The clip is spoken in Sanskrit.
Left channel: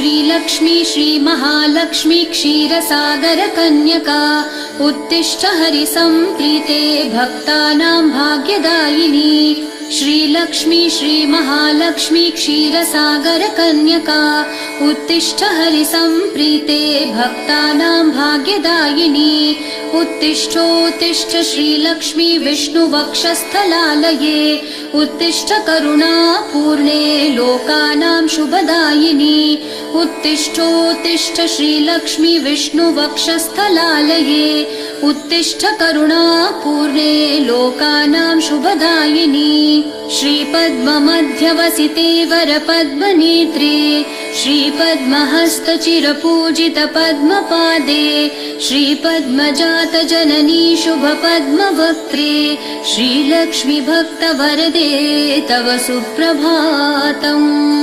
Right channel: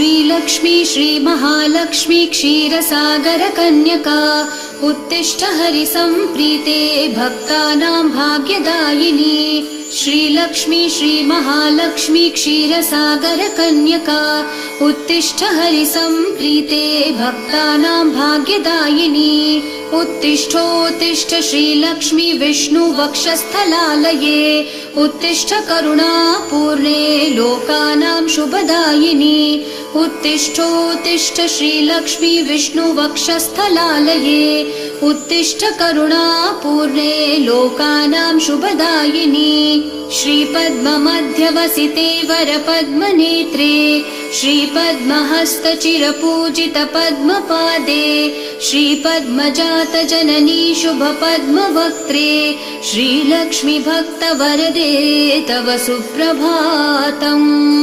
श्रीलक्ष्मी श्रीमहालक्ष्मी क्षीरसागरकन्यका उत्तिष्ठ हरिसम्प्रीते भक्तानां भाग्यदायिनी। श्रीलक्ष्मी श्रीमहालक्ष्मी क्षीरसागरकन्यका उत्तिष्ठ हरिसम्प्रीते भक्तानां भाग्यदायिनी। उत्तिष्ठोत्तिष्ठ श्रीलक्ष्मी विष्णुवक्षस्थलालये उत्तिष्ठ करुणापूर्णे लोकानां शुभदायिनी। उत्तिष्ठोत्तिष्ठ श्रीलक्ष्मी विष्णुवक्षस्थलालये उत्तिष्ठ करुणापूर्णे लोकानां शुभदायिनी। श्रीपद्ममध्यवसिते वरपद्मनेत्रे श्रीपद्महस्तचिरपूजित पद्मपादे श्रीपद्मजातजननी शुभपद्मवक्त्रे श्रीलक्ष्मी भक्तवरदे तव सुप्रभातम्।